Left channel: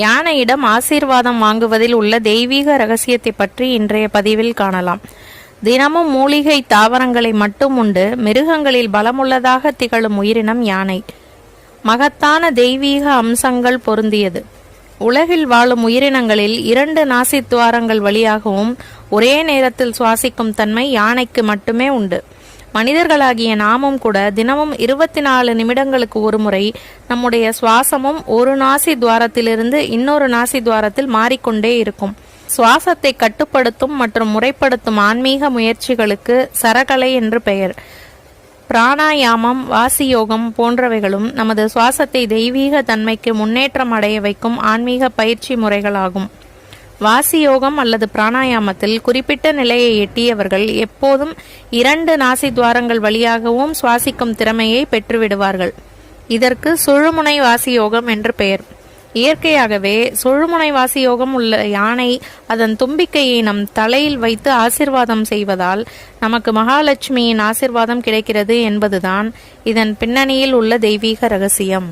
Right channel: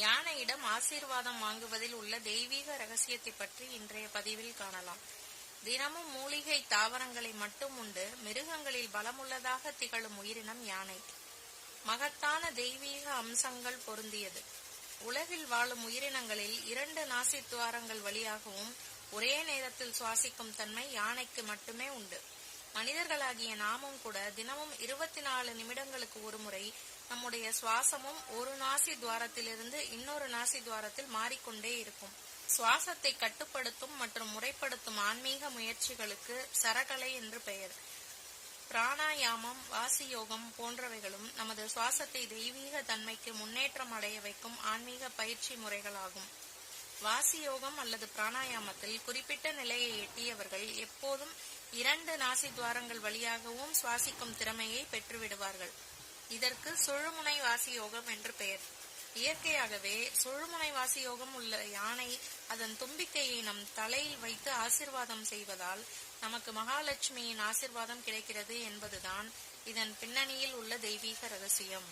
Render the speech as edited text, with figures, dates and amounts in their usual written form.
யானையிடம் ஆசீர்வாதம் வாங்குவதில் உள்ள தெய்வீக ரகசியத்தை பற்றி இன்றைய பதிவில் காணலாம். தினமும் மூலிகை தாவரங்களை மட்டும் உண்டு மிருகங்களில் பலமுள்ளதாக திகழும் உயிரினம் யானை. மகத்தான தெய்வீக அம்சங்கள் பொருந்தியது. உலகில் வாழும் உயிரினங்களில் 2 நாசி துவாரங்கள் வழியாகவும் ஒரே நேரத்தில் சுவாசிக்கும் தன்மை யானைக்கு மட்டுமே உண்டு. மனிதர்களாகிய நாமும் கூட தினமும் 24 நிமிடங்களுக்கு ஒரு முறை நம்முடைய சுவாசமும் ஒரு நாசி துவாரத்திலிருந்து இன்னொரு நாசி துவாரத்தில் மாறிக்கொண்டே இருக்கும். சுவாசத்தை கட்டுப்படுத்தும் மற்றும் முறைப்படுத்தும் ஆன்மீக முயற்சிகளுக்கு சரகலை என்று பெயர். பிராணாயாமம், வாசியோகம் போன்றவைகளும் நமது சுவாசத்தை தெய்வீக தன்மைக்கு முன்னேற்றம் அடைய வைக்கும் ஆன்மீக பயிற்சி முறைகளாகும். வாசியோகம் அல்லது பிராணாயாமத்தில் குறிப்பிட்ட நிலையை எட்டியவர்கள் எப்போதும் 2 நாசி துவாரங்கள் வழியாகவும் சுவாசிக்கும் திறமையை பெற்றுவிடுவார்கள். இதற்கு சுழுமுனை வாசியோகம் என்று பெயர். இயற்கையாகவே சுழுமுனை வாசியோகம் உள்ள யானை அதன் தும்பிக்கையை நம் தலையில் வைத்து ஆசிர்வாதம் செய்வதால் நமக்கு மகாலட்சுமியின் ஆசிர்வாதம் கிடைக்கிறது என்பதுதான் இதன் பின்னணியில் உள்ள தெய்வீக ரகசியம்.